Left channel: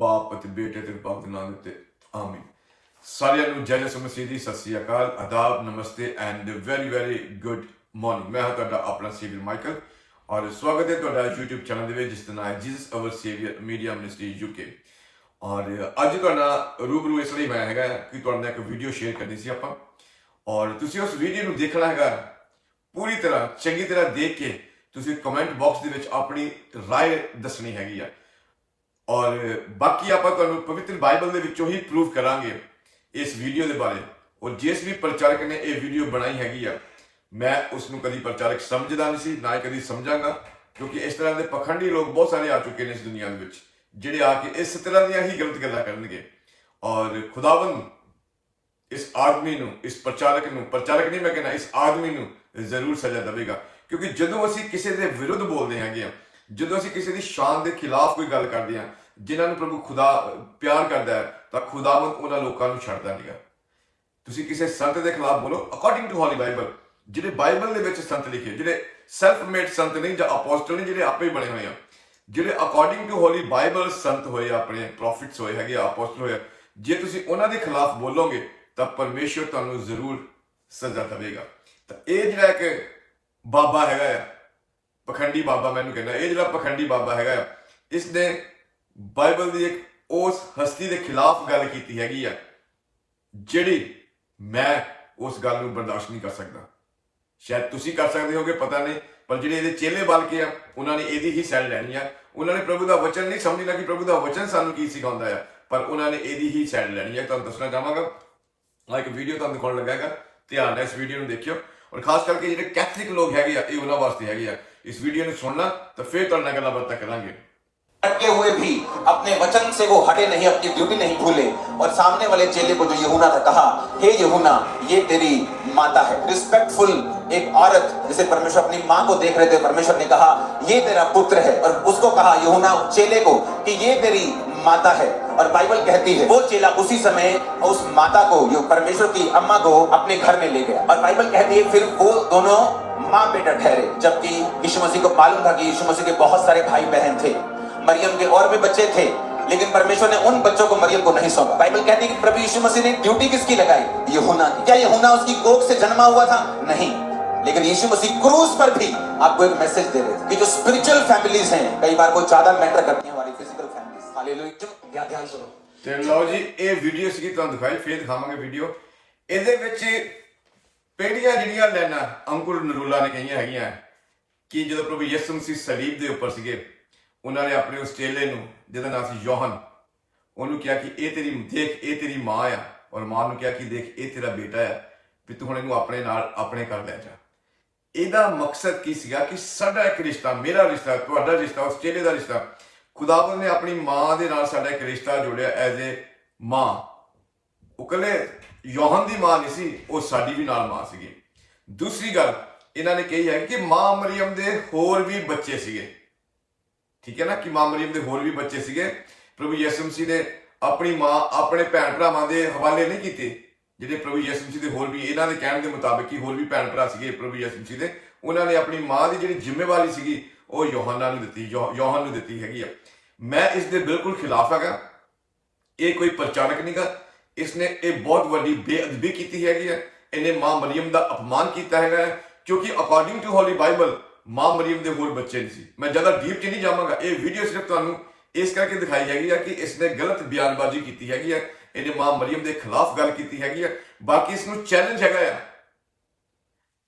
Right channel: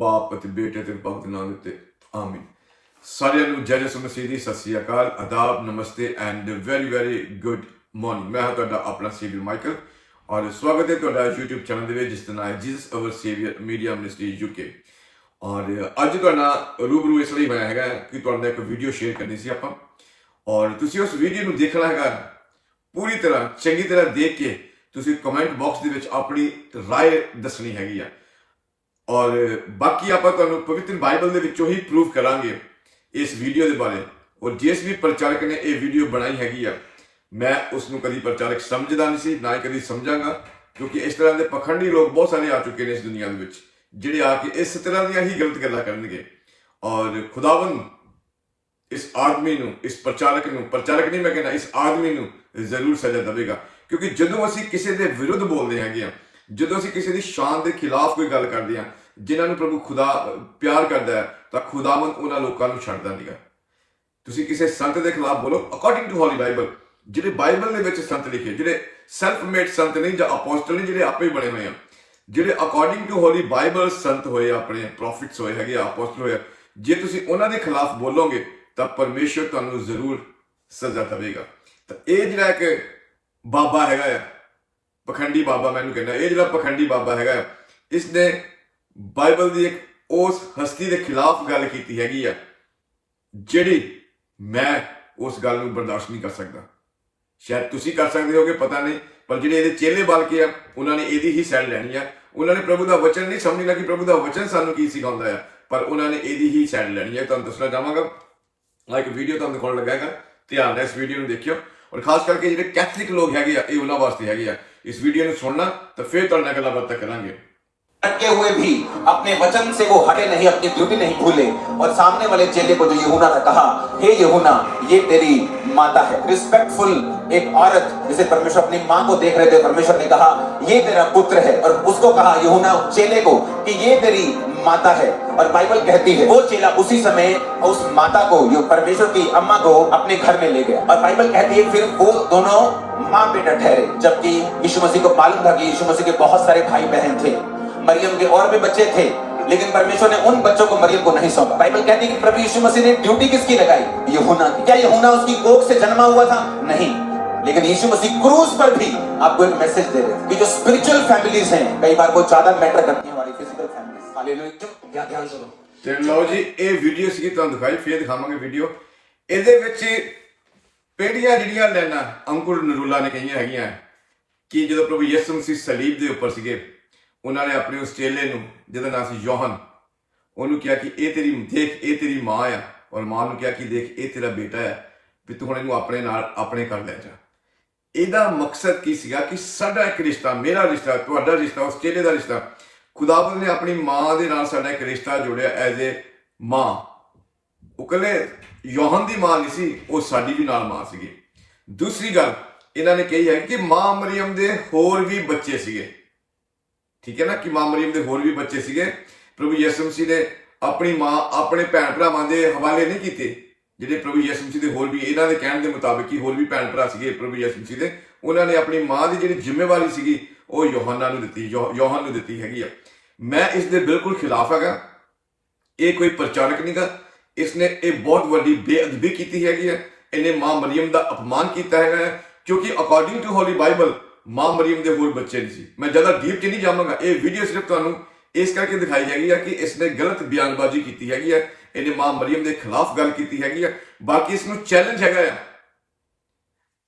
ਬਾਪ ਅਤੇ ਬੇਟੇ ਤੇ ਬਾਪ ਦੇ ਨਾਮ ਦੇ ਉੱਤੇ ਆਮੀਨ ਸਾਰਿਆਂ ਨੂੰ ਜੈ ਜਸੂ ਮਸੀਹ ਦੀ ਸਤਿ ਸ੍ਰੀ ਅਕਾਲ ਆਦਾਬ ਨਮਸਤੇ and very very good morning ਮੈਂ ਹਾਂ ਤੁਹਾਡਾ ਆਪਣਾ ਸੇਵੀਅਰ ਮਾਈਕਲ ਔਰ ਸਵਾਗਤ ਹੈ ਤੁਹਾਡਾ YouTube ਚੈਨਲ ਦੇ ਵਿੱਚ ਜਿਸ ਦਾ ਨਾਮ ਹੈ Jesus our saviour media ministry UK ਔਰ ਅੱਜ ਤੁਹਾਡਾ ਰੂਬਰੂ ਇਸ ਲਈ ਹੋਇਆ ਹੈਗਾ ਕਿ ਤੁਹਾਡੇ ਨਾਲ ਇੱਕ ਵੀਡੀਓ ਸ਼ੇਅਰ ਕਰਨੀ ਸੀ ਆਪਾਂ ਔਰ ਤੁਸੀਂ ਉਸ ਵੀਡੀਓ ਨੂੰ ਦੇਖਣਾ ਹੈਗਾ ਪੂਰੀ ਤਰ੍ਹਾਂ ਚੰਗੀ ਤਰ੍ਹਾਂ ਦੇਖ ਕੇ ਤੁਸੀਂ ਕਮੈਂਟ ਬਾਕਸ ਦੇ ਵਿੱਚ ਆਪਣੀ رائے ਦੱਸਣੀ ਹੈਗੀ ਆ ਔਰ ਬਾਕੀ ਆਪਾਂ ਤੁਹਾਨੂੰ ਪਵਿੱਤਰ ਬਾਈਬਲ ਦੇ ਵਿੱਚੋਂ ਹੀ ਪ੍ਰੂਵ ਕਰਾਂਗੇ ਇਸ ਵੀਡੀਓ ਦੇ ਬਾਰੇ। ਔਰ ਜਿਸ ਵੀ ਪ੍ਰਚਾਰਕ ਨੇ ਇਹ ਵੀਡੀਓ ਬਣਾਈ ਹੈਗੀ ਆ, ਮੈਂ ਉਸ ਨੂੰ ਕਦੀ ਪ੍ਰਚਾਰਕ ਸਮਝਦਾ ਨਹੀਂ ਸੀ, ਨਾ ਹੀ ਕਦੀ ਸਮਝਾਂਗਾ, ਕਿਉਂਕਿ ਇਸ ਤਰ੍ਹਾਂ ਦੇ ਪਖੰਡੀ ਲੋਕ ਬਹੁਤ ਸਾਰੇ ਆ ਚੁੱਕੇ ਨੇ ਇਸ ਦੁਨੀਆ ਦੇ ਵਿੱਚ, ਜਿਹੜੇ ਆ ਕੇ ਇਸ ਤਰ੍ਹਾਂ ਦੀਆਂ ਹੀ ਗਲਤ ਗੱਲਾਂ ਕਰਨਗੇ। ਔਰ ਖੁਦਾਵੰਦ ਇਸ ਆਦਮੀ ਨੂੰ, ਇਸ ਪ੍ਰਚਾਰਕ ਨੂੰ, ਪ੍ਰਚਾਰਕ ਨਹੀਂ ਮੈਂ ਕਹਿੰਦਾ, ਇਸ ਆਦਮੀ ਨੂੰ ਜ਼ਰੂਰ ਸਜ਼ਾ ਦੇਵੇਗਾ। ਕਿਉਂਕਿ ਜਦੋਂ ਅਸੀਂ ਕਿਸੇ ਦੇ ਵਿਰੁੱਧ ਬੋਲਦੇ ਹੈਗੇ ਆ, ਜਦੋਂ ਅਸੀਂ ਕਿਸੇ ਦੀ ਸ਼ਾਨ ਦੇ ਖਿਲਾਫ ਕੋਈ ਗੱਲ ਕਰਦੇ ਆ ਜਿਨ੍ਹਾਂ ਨੂੰ ਪ੍ਰਭੂ ਖੁਦਾ ਪਿਆਰ ਕਰਦਾ ਹੈ ਤਾਂ ਖੁਦਾਵੰਦ ਉਹਨਾਂ ਲੋਕਾਂ ਨੂੰ ਛੱਡਦਾ ਹੈ ਤੁਸੀਂ ਕਿਸੇ ਸੰਤ ਦੇ ਖਿਲਾਫ ਬੋਲੋ ਅਕੋਰਡਿੰਗ ਟੂ ਹੋਲੀ ਬਾਈਬਲ ਜਿਹੜੇ ਬਾਈਬਲ ਦੇ ਵਿੱਚ ਸੰਤ ਲਿਖੇ ਜਿਹੜੇ ਸੈਲਫ ਮੇਡ ਸੰਤ ਨਹੀਂ ਜਾਂ ਅਪੋਸਟਲ ਨਹੀਂ ਜਿਹੜੇ ਆਪੇ ਬਣੇ ਹੋਏ ਆ। ਜਿਹੜੇ ਅਕੋਰਡਿੰਗ ਟੂ ਹੋਲੀ ਬਾਈਬਲ ਸੰਤ ਹੋਏ ਆ, ਆਪਣੇ ਪ੍ਰੋਫਿਟਸ ਹੋਏ ਹੈਗੇ ਅਪੋਸਟਲ ਹੋਏ ਆ, ਜੇ ਤੁਸੀਂ ਉਹਨਾਂ ਦੇ ਖਿਲਾਫ ਬੋਲੋਗੇ ਤਾਂ ਪਰਮੇਸ਼ਰ ਤੁਹਾਨੂੰ ਜ਼ਰੂਰ ਸਜ਼ਾ ਦੇਵੇਗਾ। ਤਾਂ ਇਹ ਜਿਹੜਾ ਇੱਕ ਬਾਬਾ ਹੈਗਾ ਆ ਪਖੰਡੀ ਬਾਬਾ ਮੈਨੂੰ ਕਹਿੰਦਾ ਇਹ ਜਿਹੜਾ ਪਖੰਡੀ ਬਾਬਾ ਹੈਗਾ ਆ, ਇਸ ਨੇ ਬਾਈਬਲ ਦੀ ਇੱਕ ਉਸ ਹਸਤੀ ਦੇ ਖਿਲਾਫ ਗੱਲ ਕੀਤੀ ਹੈਗੀ ਆ, ਜਿਹੜੀ ਮੈਂ ਉਸ ਗੱਲ ਨੂੰ ਬਰਦਾਸ਼ਤ ਨਹੀਂ ਕਰ ਸਕਦਾ। ਸ਼ਾਇਦ ਤੁਸੀਂ ਕਰ ਸਕਦੇ ਹੋਗੇ, ਪਤਾ ਨਹੀਂ, ਪਰ ਜਿਹੜੇ ਇਹਦੇ ਚੇਲੇ ਬਲ ਕੇ ਆ, ਉਹਨਾਂ ਨੇ ਇਹਦੀ ਹੀ ਸਾਈਡ ਲੈਣੀ ਆ। ਉਹਨਾਂ ਨੇ ਪ੍ਰਭੂ ਦਾ ਵਚਨ ਨਹੀਂ ਸਮਝਣਾ ਕਿ ਪ੍ਰਭੂ ਦਾ ਵਚਨ ਸਾਨੂੰ ਕੀ ਸਿਖਾਉਂਦਾ ਆ? ਪਰ ਉਹਨਾਂ ਨੇ ਇਹਦੀ ਹੀ ਸਾਈਡ ਲੈਣੀ ਆ। ਤੁਹਾਨੂੰ ਦੱਸਣਾ ਚਾਹਾਂਗਾ ਆ ਇੱਕ ਵੀਡੀਓ ਤੁਹਾਨੂੰ ਦਿਖਾਉਣ ਲੱਗਾ ਹੈਗਾ। ਧਿਆਨ ਨਾਲ ਇਸ ਵੀਡੀਓ ਨੂੰ ਦੇਖਿਓ। ਔਰ ਖਾਸ ਕਰਕੇ ਜਿਹੜੇ ਕੈਥਲਿਕ ਲੋਕ ਹੈਗੇ ਆ, ਇਹ ਉਹਨਾਂ ਵਾਸਤੇ ਹੈਗੇ ਆ। ਇਸ ਵੀਡੀਓ ਨੂੰ ਸੁਣਨਾ, ਤਾਂ ਫਿਰ ਤੁਹਾਡੇ ਨਾਲ ਗੱਲਾਂ ਬਾਤਾਂ ਕਰਾਂਗੇ। अटके हुए भी अपने वचन से वो हटे नहीं, अपनी ड्यूटी नहीं भूले। और सामने वाले चेले को जो यहूना था कहा, हे यहूना ये तेरी माता है। रिस्पेक्टफुल एक औरत, जिसे परमेश्वर अपनी माँ को देख रहे थे, परमेश्वर ने कहा, ये तेरा पुत्र है। और उसको कहा यहूना चेले को, कि ये तेरी माता है। और बाइबल कहती है, वो चेला उसी समय उस माता को, जो परमेश्वर की अम्मा को अपने घर में ले गया। और बाइबल कहती है, फिर वो दोनों माँ बेटा ठहरे, जबकि यीशु मसीह को मालूम था कि यीशु मसीह के बहुत सारे भाई बहन थे। मरियम के और भी बच्चे थे लेकिन परमेश्वर ने उन बच्चों को मरियम को नहीं सौंपा बाइबल कहती है कि प्रभु यीशु मसीह ने ड्यूटी किसकी लगाई यहूना की क्या यहूना उसकी कोख से जन्मा हुआ था नहीं लेकिन यीशु मसीह क्रूज पर भी आपको एक मैसेज दे रहे थे कि जो स्पिरिचुअल फैमिलीज हैं कई बार वो ज्यादा मैटर करती हैं हमारी फिजिकल फैमिलीज हालेलुया क्या ध्यान सुनो ਤੇ ਲਓ ਜੀ ਇਹ ਵੀਡੀਓ ਸੀਗੀ ਤੁਹਾਨੂੰ ਦਿਖਾਈ ਫੇਰ ਦਿਖਾਵਾਂਗੇ ਵੀਡੀਓ ਇਹਦੇ ਵਿੱਚ ਪਹਿਲੀਆਂ ਜਿਹੜੀਆਂ ਲੈਣਾ ਅੰਕੁਰ ਨਰੂਲਾ ਨੇ ਕਹੀਆਂ ਹੈਗੀਆਂ ਕਿ ਜਦੋਂ ਪ੍ਰਭੂ ਯਿਸੂ ਮਸੀਹ ਸਲੀਬ ਦੇ ਉੱਪਰ ਸੀਗੇ ਉਹਨਾਂ ਨੇ ਆਪਣੇ ਉਸ ਚੇਲੇ ਨੂੰ, ਜਿਹਦਾ ਨਾਮ ਸੀ ਯੋਹਨ, ਉਹਨੂੰ ਕਿਹਾ ਕਿ ਇਹ ਤੇਰੀ, ਦੇਖ, ਇਹ ਤੇਰੀ ਮਾਂ ਆ, ਔਰ ਮਾਂ ਨੂੰ ਕਿਹਾ ਕਿ ਦੇਖ, ਇਹ ਤੇਰਾ ਬੇਟਾ ਆ, ਵੀ ਤੂੰ ਹੁਣ ਇਹਨੂੰ ਆਪਣੇ ਨਾਲ, ਆਪਣੇ ਕਰ ਲੈ ਜਾ। ਇਹਦਾ ਮਕਸਦ ਕੀ ਸੀਗਾ ਕਿ ਸਾਡਾ ਇੱਕ ਰਿਸ਼ਤਾ, ਮੇਰਾ ਰਿਸ਼ਤਾ, ਤੁਹਾਡਾ ਰਿਸ਼ਤਾ ਉਸ ਚੇਲੇ ਦਾ ਰਿਸ਼ਤਾ, ਖੁਦਾਵੰਦ ਨੇ ਆਪਣੀ ਮਾਂ ਦੇ ਨਾਲ ਸਾਡਾ ਇੱਕ ਰਿਸ਼ਤਾ ਜੋੜਿਆ ਐਜ਼ ਏ ਮਾਂ। ਉਹ ਕਹਿੰਦੇ ਯੋਹਨ ਦੀ ਮਾਂ ਨਹੀਂ ਸੀ, ਉਹ ਸਾਡੀ ਵੀ ਨਾਲ ਮਾਂ ਸੀਗੀ। ਦੂਸਰੀ ਗੱਲ, ਇਹਨਾਂ ਨੇ ਕਹੀ ਹੈ ਕਿ ਮਾਂ ਮਰੀਮ ਦੇ ਹੋਰ ਵੀ ਬੱਚੇ ਸੀਗੇ। ਠੀਕ ਹੈ ਨਾ ਕਿ ਮਾਂ ਮਰੀਮ ਦੇ ਹੋਰ ਵੀ ਬੱਚੇ ਸੀਗੇ। ਪ੍ਰਭੂ ਯਿਸੂ ਮਸੀਹ ਨੇ ਆਪਣੀ ਮਾਂ ਆਪਣੇ ਭੈਣ ਭਰਾਵਾਂ ਦੇ ਹਵਾਲੇ ਨਹੀਂ ਕੀਤੇ। ਜਿਹੜੇ ਪ੍ਰਭੂ ਯਿਸੂ ਮਸੀਹ ਦੇ ਹੋਰ ਵੀ ਇਹਨਾਂ ਦੇ ਕਹਿਣ ਦੇ ਮੁਤਾਬਕ ਹੀ ਹੋਰ ਵੀ ਭੈਣ ਭਰਾ ਸੀਗੇ ਪ੍ਰਭੂ ਯਿਸੂ ਮਸੀਹ ਦੇ। ਉਹਨਾਂ ਨੇ ਆਪਣੀ ਮਾਂ ਦੀ ਜਿਹੜੀ ਜ਼ਿੰਮੇਵਾਰੀ ਸੀਗੀ ਉਹ ਯੋਹਨਾ ਨੂੰ ਦਿੱਤੀ ਯੋ- ਯੋਹਨ ਨੂੰ ਦਿੱਤੀ ਹੈਗੀ ਆ। ਮੈਂ ਇਸ ਦੇ ਬਿਲਕੁਲ ਖਿਲਾਫ ਹੈਗਾ। ਇਹ ਕੋਈ ਪ੍ਰਚਾਰਕ ਨਹੀਂਗਾ ਇਸਨੇ ਇਹ ਬਹੁਤ ਵੱਡੀ ਬੇਅਦਬੀ ਕੀਤੀ ਹੈਗੀ ਹੈ ਇਹਨੇ ਮਾਂ ਮਰੀਮ ਦਾ ਅਪਮਾਨ ਕੀਤਾ ਹੈਗਾ ਹੈ, ਕਿਉਂਕਿ ਅਕੋਰਡਿੰਗ ਟੂ ਹੋਲੀ ਬਾਈਬਲ ਮਾਂ ਮਰੀਮ ਦੇ ਹੋਰ ਬੱਚੇ ਨਹੀਂ ਸੀ। ਮੈਂ ਜ਼ਿਆਦਾ ਡੀਪ ਚ ਨਹੀਂ ਜਾਵਾਂਗਾ। ਇਹ ਵੀਡੀਓ ਸਿਰਫ ਤੁਹਾਨੂੰ ਇਸ ਕਰਕੇ ਦਿਖਾਈ ਹੈਗੀ ਹੈ ਕਿ ਇਸਨੇ ਗਲਤ ਬਿਆਨਬਾਜ਼ੀ ਕੀਤੀ ਹੈਗੀ ਹੈ ਇਹਨੇ ਮਾਂ ਮਰੀਮ ਦੇ ਖਿਲਾਫ ਗੱਲ ਕੀਤੀ ਹੈਗੀ ਆ। ਬਾਕੀ ਇਸ ਨੂੰ ਚੈਲੰਜ ਹੈਗਾ ਆ।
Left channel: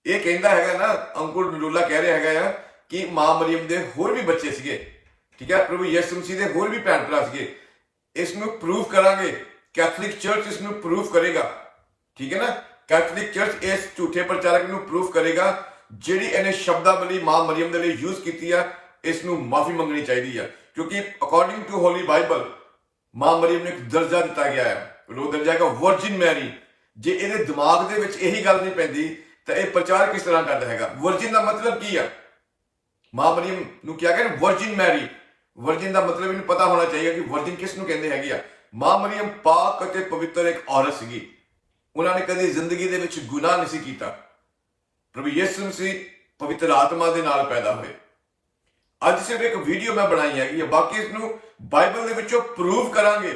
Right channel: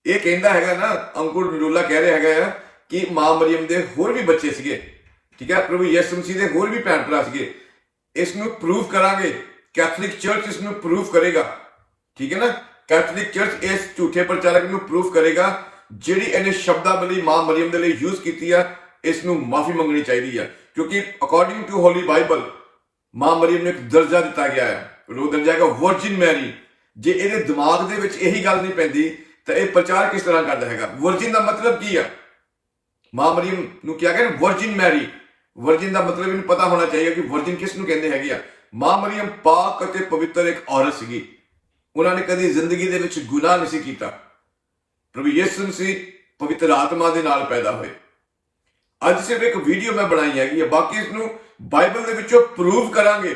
ਇਹ ਕਹਿੰਦਾ ਹੈਗਾ ਨਾ, ਅੰਕੁਰ ਨਰੂਲਾ ਕਹਿ ਰਿਹਾ ਹੈਗਾ ਆ ਕਿ ਮਾਂ ਮਰੀਮ ਦੇ ਹੋਰ ਵੀ ਬੱਚੇ ਸੀਗੇ। ਠੀਕ ਹੈ ਪ੍ਰਭੂ ਯਿਸੂ ਮਸੀਹ ਦੇ ਹੋਰ ਵੀ ਭੈਣ ਭਰਾ ਸੀਗੇ। ਇਸ ਨੂੰ ਪ੍ਰੂਵ ਕਰਾਂਗੇ। ਕੈਥੋਲਿਕ ਚਰਚ ਇਸ ਨੂੰ ਪ੍ਰੂਵ ਕਰੇਗਾ। ਠੀਕ ਹੈ ਨਾ? ਕੈਥੋਲਿਕ ਚਰਚ ਇਸ ਝੂਠੇ ਪ੍ਰਚਾਰਕ ਨੂੰ ਪ੍ਰੂਫ ਕਰੇਗਾ ਜਿਹੜੀ ਇਹਨੇ ਸ਼ਬਦਾਵਲੀ ਮਾਂ ਮਰੀਮ ਦੇ ਲਈ ਯੂਜ਼ ਕੀਤੀ ਆ ਇਸ ਨੂੰ ਮਾਫੀ ਮੰਗਣੀ ਚਾਹੀਦੀ ਆ। ਕਿਉਂਕਿ ਅਕੋਰਡਿੰਗ ਟੂ ਹੋਲੀ ਬਾਈਬਲ ਮਾਂ ਮਰੀਮ ਨੂੰ ਇੱਕ ਦਰਜਾ ਦਿੱਤਾ ਗਿਆ ਹੈ ਉਹ ਦਰਜਾ ਹੈਗਾ ਵਰਜਿਨ ਮੈਰੀ ਜੇ ਇਹਦੇ ਦਿਮਾਗ ਦੇ ਵਿੱਚ ਇਹੀ ਗੱਲ ਨਹੀਂ ਪੈਂਦੀ, ਤਾਂ ਇਹ ਪ੍ਰਚਾਰ ਕਿਸ ਤਰ੍ਹਾਂ ਕਰਦਾ ਹੈਗਾ? ਵਰਜਿਨ ਦਾ ਮਤਲਬ ਕੀ ਆ? ਮਾਂ ਮਰੀਮ ਨੂੰ ਕਿਹਾ ਗਿਆ ਵਰਜਿਨ ਮੈਰੀ ਵਰਜਿਨ ਦਾ ਮਤਲਬ ਇਹਨੂੰ ਪਤਾ ਹੋਣਾ ਚਾਹੀਦਾ ਕਿ ਵਰਜਿਨ ਕਿਸ ਨੂੰ ਕਹਿੰਦੇ ਹੈਗੇ ਆ। ਮਾਂ ਮਰੀਮ ਪਾਕ ਅਤੇ ਪਵਿੱਤਰ ਇੱਕ ਔਰਤ ਸੀਗੀ। ਉਹਨਾਂ ਨੇ ਕਦੀ ਜ਼ਿੰਦਗੀ ਦੇ ਵਿੱਚ ਗੁਨਾਹ ਨਹੀਂ ਸੀ ਕੀਤਾ। ਪ੍ਰਭੂ ਯਿਸੂ ਮਸੀਹ ਪਵਿੱਤਰ ਆਤਮਾ ਦੇ ਨਾਲ ਪੈਦਾ ਹੋਏ। ਅੱਜ ਸਿਰਫ ਇੱਕ ਵੀਡੀਓ ਮੈਂ ਬਣਾਈ ਹੈਗੀ ਆ, ਬਾਕੀ ਇਸ ਨੂੰ ਬਾਈਬਲ ਦੇ ਵਿੱਚੋਂ ਪ੍ਰੂਵ ਕਰਾਂਗੇ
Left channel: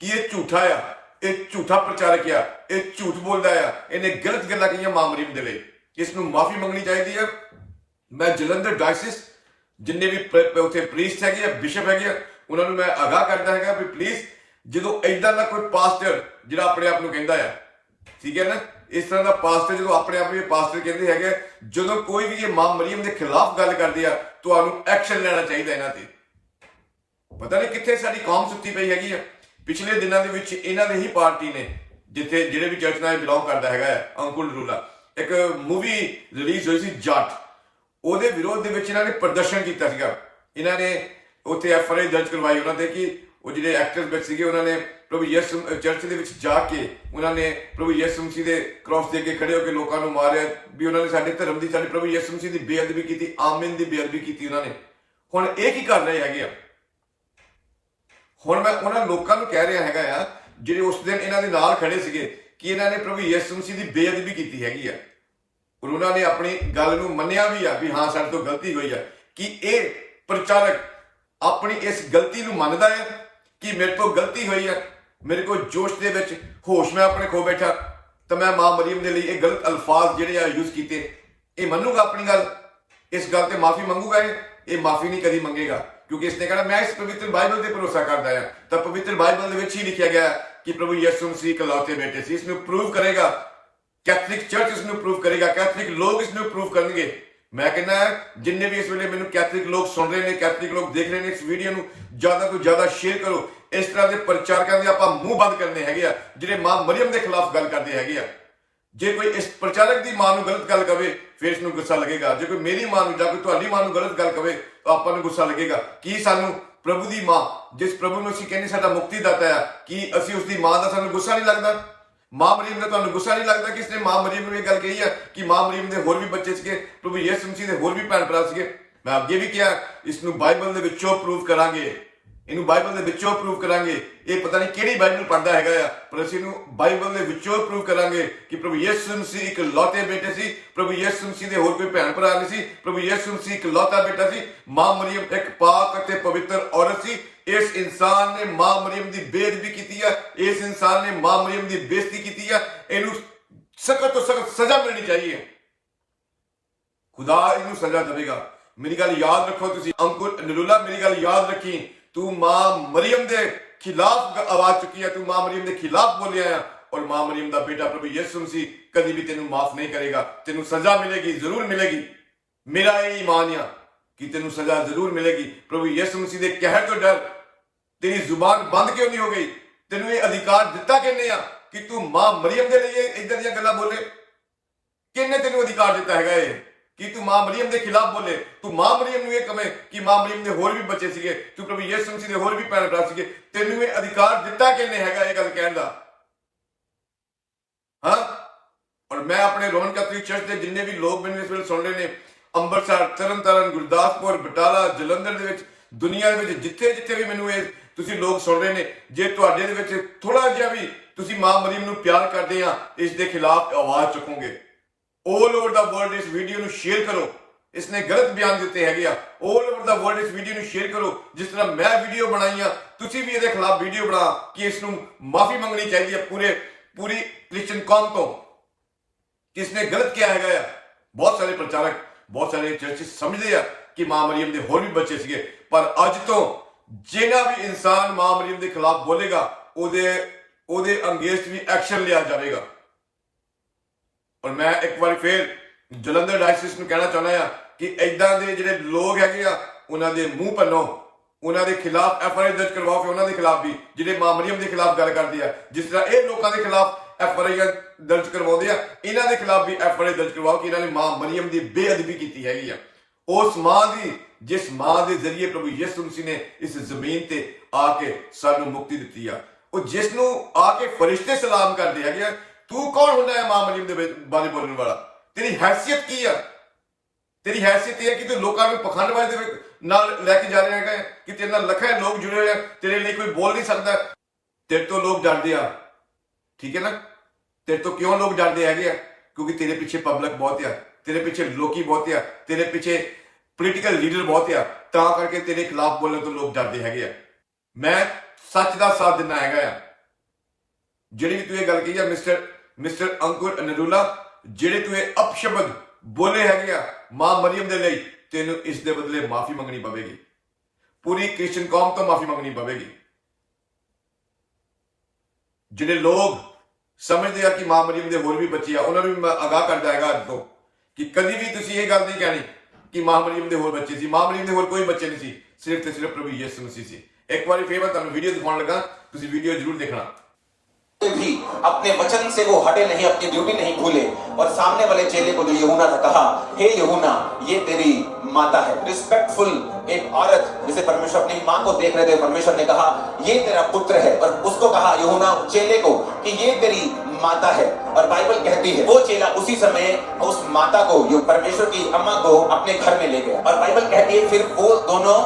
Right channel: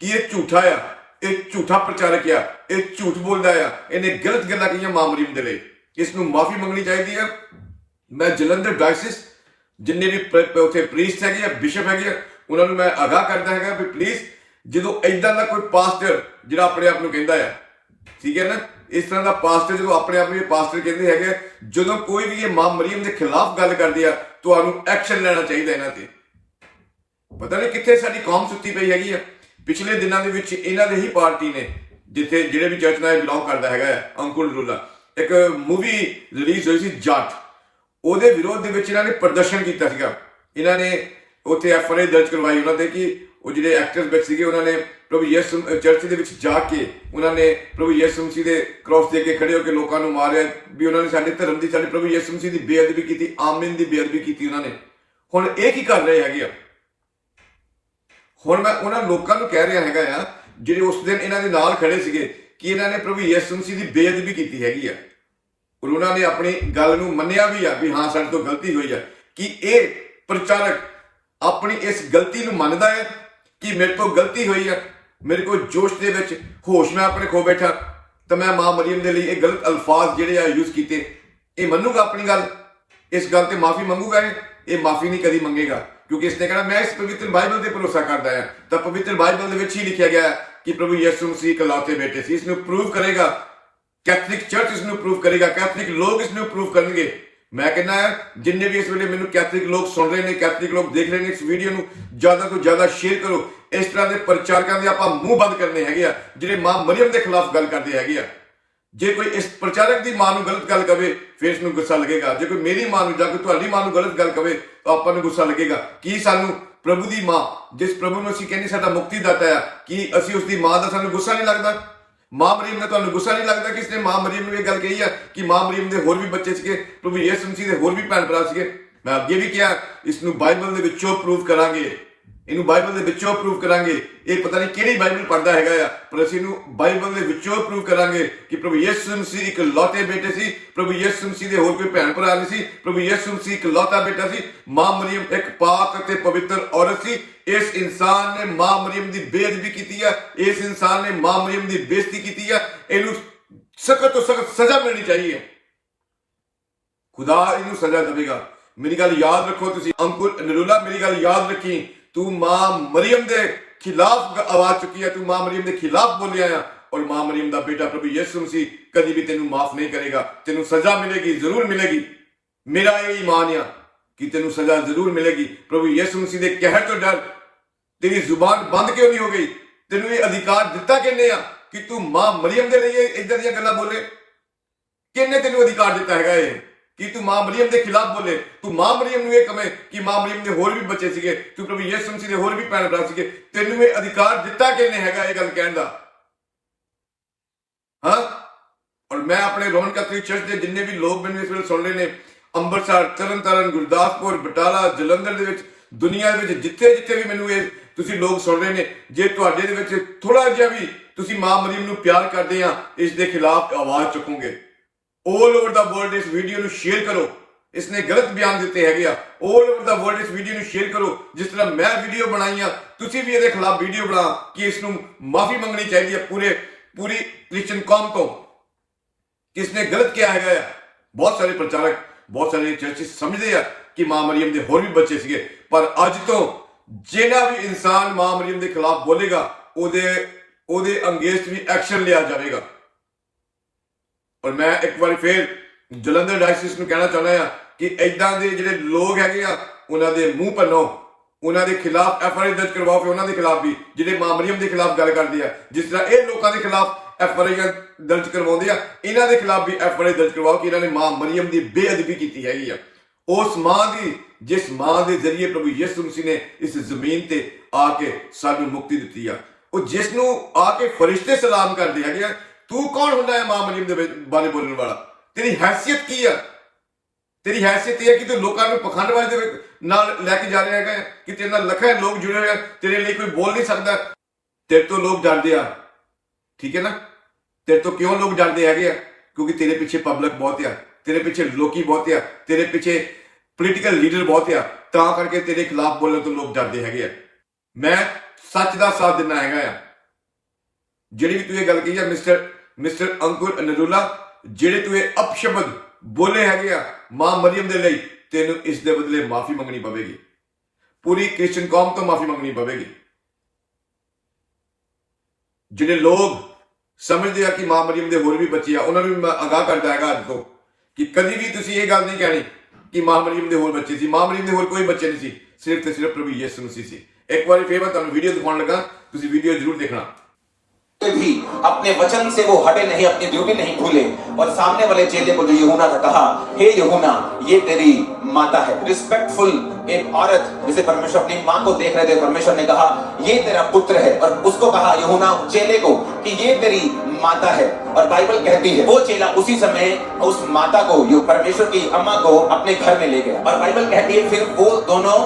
ਕਿ ਇਹ ਝੂਠਾ ਆ, ਇਹ ਝੂਠਾ ਪ੍ਰਚਾਰਕ ਆ, ਇਹ ਝੂਠ ਬੋਲਦਾ ਆ, ਇਹਨੇ ਗਲਤ ਗੱਲਾਂ ਕਹੀਆਂ ਮਾਮਰੀਮ ਦੇ ਲਈ। ਇਸ ਨੂੰ ਮਾਫੀ ਮੰਗਣੀ ਚਾਹੀਦੀ ਆ। ਮੈਂ ਜਲੰਧਰ ਡਾਇਸਿਸ, ਜਿੰਨੇ ਵੀ ਪ- ਉੱਥੇ ਪ੍ਰੀਸਟ ਹੈਗੇ ਆ ਬਿਸ਼ਪ ਹੈਗੇ ਆ, ਉਹਨਾਂ ਨੂੰ ਮੈਂ ਆਗਾਹ ਕਰਦਾ ਹੈਗਾ ਵੀ ਪਲੀਜ਼ ਜਦੋਂ ਐਦਾਂ ਦਾ ਕੋਈ ਪਾਸਟਰ ਜਿਹੜਾ ਆਪਣੇ ਆਪ ਨੂੰ ਕਹਿੰਦਾ ਆ, ਠੀਕ ਹੈ ਨਾ? ਇਸ ਤਰ੍ਹਾਂ ਦਾ ਪਾਸਟਰ ਜਦੋਂ ਆਪਣੇ ਆਪ ਨੂੰ ਪਾਸਟਰ ਕਹਿੰਦੇ ਹੈਗੇ ਜਦੋਂ ਕੋਈ ਵੀ ਇਹ ਮਾਂ ਮਰੀਮ ਦੇ ਖਿਲਾਫ ਗੱਲ ਕਰਦੇ ਆ ਤੁਹਾਨੂੰ ਐਕਸ਼ਨ ਲੈਣਾ ਚਾਹੀਦਾ ਇਹਨਾਂ ਤੇ। ਪਤਾ ਨਹੀਂ ਕਿੱਥੇ ਸਾਡੀ ਕੌਮ ਸੁੱਤੀ ਪਈ ਹੈਗੀ ਆ। ਪਿਛਲੇ ਦਿਨਾਂ ਦੇ ਵਿੱਚ ਇਹਨਾਂ ਦੇ ਹੀ ਪਾਰਟੀ ਨੇ ਜਿੱਥੇ ਜਿਹੜੇ ਵੀ ਚਰਚ ਨਾਲ ਬਿਲੋਂਗ ਕਰਦਾ ਹੈਗਾ ਆ, ਅੰਕੁਲ ਰੂਲਾ। ਇੱਕ ਮੂਵੀ ਰਿਲੀਜ਼ ਹੋਈ ਸੀ ਜੱਟ। ਉਹਦੇ ਵਿਰੋਧ ਦੇ ਵਿੱਚ ਇਹਨਾਂ ਨੇ ਪ੍ਰਦਰਸ਼ਨ ਕੀਤਾ ਸੀਗਾ। ਇਹਨਾਂ ਨੇ ਉੱਥੇ ਐਫਆਈਆਰ ਦਰਜ ਕਰਵਾਈ ਉਹਨਾਂ ਤੇ ਕਿ ਉਹ ਜਿਹੜੇ ਐਕਟਰਸ ਵਿੱਚ ਸੀਗੇ ਉਹਨਾਂ ਨੇ ਪ੍ਰਭੂ ਯਿਸੂ ਚਰਚ ਦੇ ਵਿੱਚ ਜਾ ਕੇ ਉਹਨਾਂ ਨੇ ਪ੍ਰਭੂ ਯਿਸੂ ਮਸੀਹ ਦੇ ਕ੍ਰਾਸ ਦੇ ਕੇ ਖੜੇ ਹੋ ਕੇ ਲੋਕਾਂ ਨੂੰ ਮਾਰਿਆ, ਵੀ ਉਹਨਾਂ ਨੇ ਸਾਡੇ ਧਰਮ ਦੀ, ਸਾਡੇ ਪ੍ਰਭੂ ਯਿਸੂ ਮਸੀਹ ਦੀ ਬੇਅਦਬੀ ਕੀਤੀ, ਆਮੀਨ ਦੀ ਬੇਅਦਬੀ ਕੀਤੀ ਉਹਨਾਂ ਨੇ। ਹੁਣ ਇਹ ਕੀ ਕਰ ਰਹੇ ਹੈਗੇ ਆ? ਹੁਣ ਮੈਂ ਉਹਨਾਂ ਲੋਕਾਂ ਨੂੰ ਕਹਿ ਰਿਹਾ ਹੈਗਾ ਆ, ਜਿਹੜੇ ਉਸ ਦਿਨ ਇਹਨਾਂ ਦੇ ਨਾਲ ਖੜੇ ਸੀਗੇ, ਕਿ ਇਹਨਾਂ ਨੇ ਪ੍ਰਭੂ ਯਿਸੂ ਮਸੀਹ ਦੀ ਬੇਅਦਬੀ ਕੀਤੀ ਹੈਗੀ ਆ। ਔਰ ਉਹਨਾਂ ਨੇ ਆਪਣੀ ਗੱਲ ਨੂੰ ਮੰਨਿਆ ਵੀ ਆ, ਵੀ ਹਾਂ, ਸਾਡੇ ਤੋਂ ਗਲਤੀ ਹੋਈ ਆ। ਕਿ ਇਹ ਪ੍ਰਚਾਰਕ ਆਪਣੀ ਇਸ ਗਲਤੀ ਨੂੰ ਮੰਨਦਾ ਹੈ ਕਿ ਮੇਰੇ ਤੋਂ ਗਲਤੀ ਹੋਈ ਆ? ਮੇਰੇ ਕੋਲ ਜੋਸ਼ ਦੇ ਵਿੱਚ ਹੋਸ਼ ਮੈਂ ਆਪਣੇ ਖੋ ਬੈਠਾ, ਤਾਂ ਮੈਂ ਮਾਂ ਮਰੀਮ ਦੇ ਲਈ ਇਹ ਗਲਤ ਅਲਫਾਜ਼ ਜਿਹੜੇ ਆ ਯੂਜ਼ ਕੀਤੇ। ਇਹ ਮੰਨੂਗਾ ਆਪਣੀ ਗੱਲ? ਇਸ ਗੱਲ ਤੇ ਮਾਫੀ ਮੰਗੂਗਾ ਇਹ? ਮਾਫੀ ਨਹੀਂ ਕਦੀ ਮੰਗੇਗਾ, ਕਿਉਂਕਿ ਇਸਨੇ ਕਹਿਣਾ, ਮੈਂ ਇਸ ਪਵਿੱਤਰ ਬਾਈਬਲ ਤੇ ਭਰੋਸਾ ਕਰਦਾ ਹਾਂ। ਤਾਂ ਪਵਿੱਤਰ ਬਾਈਬਲ ਦੇ ਵਿੱਚ ਹੀ ਲਿਖਿਆ ਗਿਆ ਕਿ ਪ੍ਰਭੂ ਯਿਸੂ ਮਸੀਹ ਇਕਲੌਤੇ ਬੇਟੇ ਸੀ ਇਸ ਨੂੰ ਪ੍ਰੂਵ ਕਰੇਗਾ। ਕੈਥੋਲਿਕ ਚਰਚ ਇਸ ਨੂੰ ਪ੍ਰੂਵ ਕਰੇਗਾ ਕੈਥੋਲਿਕ ਲੋਕ ਇਸ ਨੂੰ ਪ੍ਰੂਵ ਕਰਨਗੇ। ਮੈਂ ਕਹਿੰਦਾ ਹਾਂ, ਜਿੰਨੇ ਵੀ ਇਸ ਵੇਲੇ ਮੈਨੂੰ ਕੈਥੋਲਿਕ ਲੋਕ ਸੁਣ ਰਹੇ ਨੇ ਕੈਥੋਲਿਕ ਲੋਕ ਦੇਖ ਰਹੇ ਨੇ ਇਸ ਵੀਡੀਓ ਨੂੰ, ਜ਼ਿਆਦਾ ਤੋਂ ਜ਼ਿਆਦਾ ਸ਼ੇਅਰ ਕਰੋ। ਇਸ ਤਰ੍ਹਾਂ ਦੇ ਪ੍ਰਚਾਰਕਾਂ ਦੇ ਆਪਾਂ ਮੂੰਹ ਬੰਦ ਕਰਨੇ ਹੈਗੇ ਆ, ਜਿਹੜੇ ਮਾਂ ਮਰੀਮ ਦੇ ਖਿਲਾਫ ਗੱਲ ਕਰਦੇ ਹੈਗੇ ਆ। ਜੇ ਕੋਈ ਇਸ ਪ੍ਰਚਾਰਕ ਦੀ ਮਾਂ ਨੂੰ ਗਲਤ ਗੱਲ ਕਵੇ, ਫਿਰ ਇਸ ਨੂੰ ਗੁੱਸਾ ਲੱਗੇਗਾ। ਜੇ ਕੋਈ ਮੇਰੀ ਮਾਂ ਨੂੰ ਜਾਂ ਕੋਈ ਤੁਹਾਡੀ ਮਾਂ ਨੂੰ ਗਲਤ ਗੱਲ ਕਵੇ, ਤਾਂ ਆਪਾਂ ਨੂੰ ਗੁੱਸਾ ਲੱਗੇਗਾ। ਕੀ ਸਾਨੂੰ ਪ੍ਰਭੂ ਦੀ ਮਾਂ, ਜਿਸ ਪ੍ਰਭੂ ਨੂੰ ਅਸੀਂ ਕਹਿੰਦੇ ਸਾਡਾ ਮੁਕਤੀ ਦਾਤਾ ਆ, ਕੀ ਅਸੀਂ ਉਸ ਦੀ ਮਾਂ ਦਾ ਸਾਨੂੰ ਗੁੱਸਾ ਨਹੀਂ ਲੱਗਦਾ? ਮਾਂ ਮਰੀਮ ਦਾ ਤੁਹਾਨੂੰ ਗੁੱਸਾ ਨਹੀਂ ਲੱਗਦਾ ਕਿ ਇਸਨੇ ਮਾਂ ਮਰੀਮ ਨੂੰ ਇਹ ਗੱਲ ਕਹੀ ਆ ਕਿ ਮਾਂ ਮਰੀਮ ਦੇ ਹੋਰ ਵੀ ਬੱਚੇ ਸੀਗੇ, ਪ੍ਰਭੂ ਯਿਸੂ ਮਸੀਹ ਦੇ ਹੋਰ ਵੀ ਭੈਣ ਭਰਾ ਸੀਗੇ? ਮੈਂ ਅੱਗੇ ਵੀ ਕਿਹਾ, ਇਸ ਨੂੰ ਬਾਈਬਲ ਦੇ ਵਿੱਚੋਂ ਪ੍ਰੂਵ ਕਰਾਂਗੇ। ਇਹਨੂੰ ਬਾਈਬਲ ਦੇ ਵਿੱਚੋਂ ਪ੍ਰੂਵ ਕਰਾਂਗੇ। ਇਹ ਪਤਾ ਨਹੀਂ ਕਿਹੜੀ ਬਾਈਬਲ ਪੜਦਾ ਹੈਗਾ ਆ, ਪਰ ਅਸੀਂ ਇਹਨੂੰ ਬਾਈਬਲ ਦੇ ਵਿੱਚੋਂ ਪ੍ਰੂਵ ਕਰਾਂਗੇ ਕਿ ਪ੍ਰਭੂ ਯਿਸੂ ਮਸੀਹ ਇੱਕ ਲੌਤੇ ਬੇਟੇ ਸੀ, ਪ੍ਰਭੂ ਯਿਸੂ ਮਸੀਹ ਦੇ ਹੋਰ ਕੋਈ ਭੈਣ ਭਰਾ ਨਹੀਂ ਸੀ, ਪ੍ਰਭੂ ਯਿਸੂ ਮਸੀਹ ਇੱਕ ਲੌਤਾ ਬੇਟਾ ਸੀ, ਮਾਂ ਮਰੀਮ ਇੱਕ ਪਾਕ ਅਤੇ ਪਵਿੱਤਰ ਔਰਤ ਸੀ। ਇਸ ਇਨਸਾਨ ਨੇ ਮਾਂ ਮਰੀਮ ਦੀ ਬੇਅਦਬੀ ਕੀਤੀ ਆ, ਇਸ ਇਨਸਾਨ ਨੇ ਮਾਂ ਮਰੀਮ ਦੀ ਬੇਇੱਜ਼ਤੀ ਕੀਤੀ ਆ, ਇਹਨੂੰ ਸਖਤ ਤੋਂ ਸਖਤ ਸਜ਼ਾ ਮਿਲਣੀ ਚਾਹੀਏ। ਖੁਦਾ ਇਹਨੂੰ ਸਜ਼ਾ ਦੇਵੇਗਾ। ਮੇਰੀ ਗੱਲ ਯਾਦ ਰੱਖੋ ਤੁਸੀਂ, ਅੰਕੁਰ ਨਰੂਲਾ ਮੇਰੀ ਗੱਲ ਯਾਦ ਰੱਖੀ। ਤੂੰ ਮਾਂ ਮਰੀਮ ਦੇ ਖਿਲਾਫ ਆਵਾਜ਼ ਚੁੱਕੀ ਹੈ, ਤੂੰ ਮਾਂ ਮਰੀਮ ਦੇ ਖਿਲਾਫ ਬੋਲਿਆ ਆ ਔਰ ਮਾਂ ਮਰੀਮ ਦਾ ਬੇਟਾ ਪ੍ਰਭੂ ਯਿਸੂ ਮਸੀਹ ਕਦੀ ਵੀ ਤੈਨੂੰ ਮਾਫ ਨਹੀਂ ਕਰੇਗਾ, ਤੈਨੂੰ ਸਜ਼ਾ ਮਿਲੇਗੀ, ਜ਼ਰੂਰ ਮਿਲੇਗੀ। ਮੇਰਾ ਇਹ ਈਮਾਨ ਆ ਕਿ ਤੈਨੂੰ ਸਜ਼ਾ ਜ਼ਰੂਰ ਮਿਲੇਗੀ। ਪ੍ਰਭੂ ਯਿਸੂ ਮਸੀਹ ਦੇ ਕਹਿਰ ਤੋਂ ਡਰ, ਤੇਰੀ ਜ਼ੁਬਾਨ ਬੰਦ ਕਿਉਂ ਨਹੀਂ ਹੋ ਗਈ? ਤੈਨੂੰ ਇਹ ਅਧਿਕਾਰ ਦਿੱਤਾ ਕਿੰਨੇ ਆ ਕਿ ਤੂੰ ਮਾਂ ਮਰੀਮ ਦੇ ਲਈ ਇਹ ਇਦਾਂ ਦੀਆਂ ਗੱਲਾਂ ਬੋਲੇ? ਕਿੰਨੇ ਤੈਨੂੰ ਅਧਿਕਾਰ ਦਿੱਤਾ ਹੈਗਾ ਇਹ? ਕਿ ਤੂੰ ਮਾਂ ਮਰੀਮ ਦੇ ਖਿਲਾਫ ਬੋਲੇ, ਤੂੰ ਮਾਂ ਮਰੀਮ ਨੂੰ ਇਹ ਕਵੇਂ ਕਿ ਮਾਂ ਮਰੀਮ ਦੇ ਹੋਰ ਵੀ ਬੱਚੇ ਸੀਗੇ, ਤੂੰ ਪ੍ਰਭੂ ਯਿਸੂ ਮਸੀਹ ਦੇ ਹੋਰ ਵੀ ਭੈਣ ਭਰਾ ਸੀਗੇ, ਤੈਨੂੰ ਇਹ ਅਧਿਕਾਰ ਦਿੱਤਾ ਕਿੰਨੇ ਹੈਗਾ ਇਹ ਗੱਲ ਕਹਿਣ ਦਾ? ਹਾਂ? ਔਰ ਮੈਂ ਆਪਣੇ ਰੋਮਨ ਕੈਥੋਲਿਕ ਚਰਚ ਦੇ ਜਿੰਨੇ ਵੀ ਲੋਕ ਮੈਨੂੰ ਇਸ ਵੇਲੇ ਸੁਣ ਰਹੇ ਨੇ, ਅੰਮ੍ਰਿਤਸਰ, ਤਰਨਤਾਰਨ, ਗੁਰਦਾਸਪੁਰ, ਬਟਾਲਾ, ਜਲੰਧਰ ਦੇ ਵਿੱਚ, ਦੁਨੀਆ ਦੇ ਵਿੱਚ ਜਿੱਥੇ ਜਿੱਥੇ ਵੀ ਮੈਨੂੰ ਇਹ ਤੁਸੀਂ ਲੋਕ ਸੁਣ ਰਹੇ ਨੇ, ਜੇ ਤੁਹਾਡੇ ਦੇ ਵਿੱਚ ਥੋੜਾ ਜਿਹਾ ਵੀ ਤੁਸੀਂ ਮਾਂ ਮਰੀਮ ਨੂੰ ਪਿਆਰ ਕਰਦੇ ਆ, ਇਸ ਦੇ ਖਿਲਾਫ ਆਵਾਜ਼ ਚੁੱਕੋਗੇ। 올 ਓਵਰ ਦਾ ਵਰਲਡ ਇਸ ਵੀਡੀਓ ਨੂੰ ਸ਼ੇਅਰ ਕਰੋ। ਇਸਨੇ ਗਲਤ ਬਿਆਨ ਦਿੱਤੇ ਹੈਗੇ ਆ। 올 ਓਵਰ ਦਾ ਵਰਲਡ ਇਸ ਵੀਡੀਓ ਨੂੰ ਸ਼ੇਅਰ ਕਰੋ। ਜਿਸ ਤਰ੍ਹਾਂ ਮੈਂ ਵੀਡੀਓ ਬਣਾਈ ਆ, ਤੁਸੀਂ ਵੀ ਇਹਦੇ ਖਿਲਾਫ ਵੀਡੀਓ ਬਣਾ ਕਿ ਇਸ ਨੂੰ ਮਾਫੀ ਮੰਗਣੀ ਚਾਹੀਦੀ ਹੈ ਪੂਰੇ, ਪੂਰੀ ਕ੍ਰਿਸਚੀਅਨ ਕੌਮ ਤੋਂ। ਕਿ ਇਸਨੇ ਗਲਤ ਕਿਹਾ ਹੈਗਾ ਆ? ਬਹੁਤ ਸਾਰੇ ਪ੍ਰਚਾਰਕ, ਬਹੁਤ ਸਾਰੇ ਚਰਚਿਸ ਸਮਝਦੇ ਆ ਕਿ ਮਾਂ ਮਰੀਮ ਦੇ ਹੋਰ ਵੀ ਬੱਚੇ ਸੀਗੇ। ਪਰ ਅੱਜ ਤੋਂ ਜਿਹੜਾ ਵੀ ਇਨਸਾਨ ਮਾਂ ਮਰੀਮ ਦੇ ਖਿਲਾਫ ਬੋਲੇਗਾ, ਉਹਦੇ ਉਹਦੇ ਅੰਗੇਸਟ ਵੀ ਐਕਸ਼ਨ ਲਿਆ ਜਾਵੇਗਾ। ਔਰ ਮੈਂ ਇੱਕ ਵਾਰੀ ਫੇਰ ਜਲੰਧਰ ਡਾਇਸਿਸ ਨੂੰ ਕਹਿਣਾ ਚਾਹੁੰਦਾ ਆ ਕਿ ਐਦਾਂ ਦੇ ਜਿਹੜੇ ਲੋਕ ਹੈਗੇ ਆ, ਉਹਨਾਂ ਦੇ ਮੂੰਹ ਪੰਨੋ ਉਹਨਾਂ ਦੇ ਖਿਲਾਫ ਐਫ ਆਈ ਦਰਜ ਕਰਵਾਓ ਕਿ ਉਹਨਾਂ ਦੇ ਖਿਲਾਫ ਵੀ, ਜਿਹੜੇ ਮਾਂ ਮਰੀਮ ਦੇ ਖਿਲਾਫ ਗੱਲ ਕਰਦੇ ਆ, ਜਿਸ ਤਰ੍ਹਾਂ ਇਹ ਲੋਕਾਂ ਦੇ ਖਿਲਾਫ ਐਫ ਆਈ ਦਰਜ ਕਰਵਾਉਂਦੇ ਆ, ਇਹਨਾਂ ਦੇ ਖਿਲਾਫ ਵੀ ਐਫ ਆਈ ਦਰਜ ਕਰਵਾਓ ਕਿ ਇਹਨਾਂ ਨੇ ਮਾਂ ਮਰੀਮ ਦੀ ਬੇਅਦਬੀ ਕੀਤੀ ਹੈਗੀ ਆ। ਉਸ ਮਾਂ ਦੀ, ਜਿਸ ਮਾਂ ਦੇ ਜ਼ਰੀਏ ਪ੍ਰਭੂ ਯਿਸੂ ਮਸੀਹ ਨੇ ਇਸ ਜ਼ਮੀਨ ਤੇ ਆ ਕੇ ਸਾਨੂੰ ਮੁਕਤੀ ਦਿੱਤੀ ਆ। ਉਹ ਜਿਸ ਨੂੰ ਆ ਕੇ ਫਰਿਸ਼ਤੇ ਸਲਾਮ ਕਰਦੇ ਹੈਗੇ ਆ ਤੂੰ ਕੌਣ ਹੁੰਦਾ ਹੈ ਮਾਂ ਮਰੀਮ ਦੇ ਬਾਰੇ ਬੋਲਣ ਵਾਲਾ? ਤੇਰੀ ਹੈਸੀਅਤ ਕੀ ਆ? ਤੇਰੀ ਹੈਸੀਅਤ ਇਹ ਹੈ ਕਿ ਤੂੰ ਲੋਕਾਂ ਨੂੰ ਪਖੰਡਵਾਦ ਦੇ ਨਾਲ ਲੈ ਕੇ ਜਾ ਰਿਹਾ ਹੈਗਾ, ਕਿ ਤੇਰੇ ਨਾਲ ਲੱਖਾਂ ਲੋਕ ਜੁੜੇ ਹੋਏ ਆ, ਤੇਰੇ ਲਈ ਕੋਈ ਬੋਲ ਨਹੀਂ ਸਕਦਾ। ਤੇਰੇ ਤੋਂ ਲੋਕ ਡਰਦੇ ਆ। ਠੀਕ ਹੈ ਨਾ? ਤੇਰੇ ਤੋਂ ਕਿਉਂ ਲੋਕ ਡਰਦੇ ਹੈਗੇ ਆ? ਕਿਉਂਕਿ ਤੇਰੇ ਪਿੱਛੇ ਪਬਲਿਕ ਬਹੁਤ ਆ, ਤੇਰੇ ਪਿੱਛੇ ਲੋਕੀ ਬਹੁਤ ਆ, ਤੇਰੇ ਪਿੱਛੇ ਪੋਲੀਟੀਕਲ ਲੀਡਰ ਬਹੁਤ ਆ, ਤਾਂ ਕਰਕੇ ਤੇਰੇ ਖਿਲਾਫ ਬੋਲਣ ਤੋਂ ਲੋਕ ਡਰਦੇ ਹੈਗੇ ਆ। ਮੈਂ ਸੱਚ ਦਾ ਸਾਥ ਦਿੰਦਾ ਹੈਗਾ ਆ। ਜਿਹੜੀ ਵੀ ਤੂੰ ਇਹ ਗੱਲ ਕਹੀ ਆ ਮਿਸਟਰ ਮਿਸਟਰ ਅੰਕੁਰ ਨਰੂਲਾ ਜਿਹੜੇ ਤੂੰ ਇਹ ਅਪਸ਼ਬਦ ਬੋਲੇ ਹੈਗੇ ਆ ਮਾਂ ਮਰੀਮ ਦੇ ਲਈ, ਤੈਨੂੰ ਇਸ ਦੇ ਬਦਲੇ ਮਾਫੀ ਮੰਗਣੀ ਪਵੇਗੀ। ਪੂਰੀ ਕ੍ਰਿਸਚੀਅਨ ਕੌਮ ਤੋਂ ਮਾਫੀ ਮੰਗਣੀ ਪਵੇਗੀ। ਜਿਹੜੇ ਲੋਕ ਸਮਝਦੇ ਆ ਕਿ ਮਾਂ ਮਰੀਮ ਦੇ ਹੋਰ ਵੀ ਬੱਚੇ ਆ, ਉਹਨਾਂ ਨੂੰ ਵੀ ਮੈਂ ਅਗਾਹ ਕਰਦਾ ਹੈਗਾ ਅੱਜ ਤੋਂ, ਕਿ ਕਦੀ ਵੀ ਤੁਸੀਂ ਇਹ ਗੱਲ ਨਹੀਂ ਕਹਿਣੀ ਕਿ ਮਾਂ ਮਰੀਮ ਦੇ ਹੋਰ ਬੱਚੇ ਸੀ। ਮਾਂ ਮਰੀਮ ਦੇ ਹੋਰ ਕੋਈ ਬੱਚੇ ਨਹੀਂ ਸੀ, ਸਿਰਫ ਤੇ ਸਿਰਫ ਪ੍ਰਭੂ ਯਿਸੂ ਮਸੀਹ ਸੀ। ਇੱਕ ਵਾਰੀ ਫੇਰ ਮੈਂ ਤੁਹਾਨੂੰ ਵੀਡੀਓ ਦਿਖਾਉਣ ਲੱਗਾ, ਤੁਸੀਂ ਵੀਡੀਓ ਜ਼ਰੂਰ ਦੇਖਣਾ। भी अपने वचन से वो हटे नहीं, अपनी ड्यूटी नहीं भूले। और सामने वाले चेले को जो यहूना था कहा, हे यहूना, ये तेरी माता है। रिस्पेक्टफुल एक औरत, जिसे परमेश्वर अपनी माँ को देख रहे थे, परमेश्वर ने कहा, ये तेरा पुत्र है। और उसको कहा, यहूना चेले को, कि ये तेरी माता है। और बाइबल कहती है, वो चेला उसी समय उस माता को यो परमेश्वर की अम्मा को अपने घर में ले गया। और बाइबल कहती है, फिर वो दोनों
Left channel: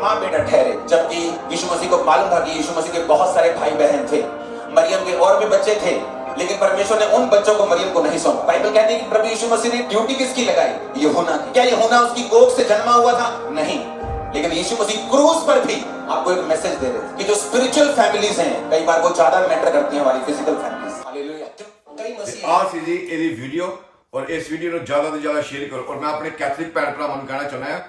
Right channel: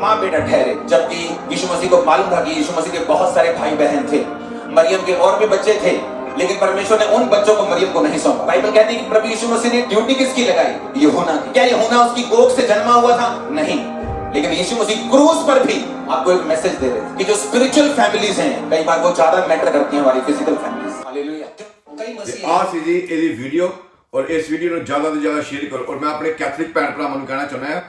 माँ बेटा ठहरे। जबकि यीशु मसीह को मालूम था कि यीशु मसीह के बहुत सारे भाई बहन थे। मरियम के और भी बच्चे थे लेकिन परमेश्वर ने उन बच्चों को मरियम को नहीं सौंपा बाइबल कहती है कि प्रभु यीशु मसीह ने ड्यूटी किसकी लगाई यहूना की क्या यहूना उसकी कोख से जन्मा हुआ था नहीं लेकिन यीशु मसीह क्रूस पर भी आपको एक मैसेज दे रहे थे कि जो स्पिरिचुअल फैमिलीज हैं कई बार वो ज्यादा मैटर करती हैं हमारी फिजिकल फैमिलीज हालेलुया कई ਤੇ मसीह ਆਹ ਸੀ ਜੀ ਇਹਦੀ ਵੀਡੀਓ ਔਰ ਇਸ ਵੀਡੀਓ ਨੂੰ ਜ਼ਿਆਦਾ ਤੋਂ ਜ਼ਿਆਦਾ ਸ਼ੇਅਰ ਕਰੋ ਔਰ ਮੈਂ ਆਪਣੇ ਕੈਥੋਲਿਕ ਭੈਣ ਭਰਾਵਾਂ ਨੂੰ ਕਹਿਣਾ ਚਾਹੁੰਦਾ ਹਾਂ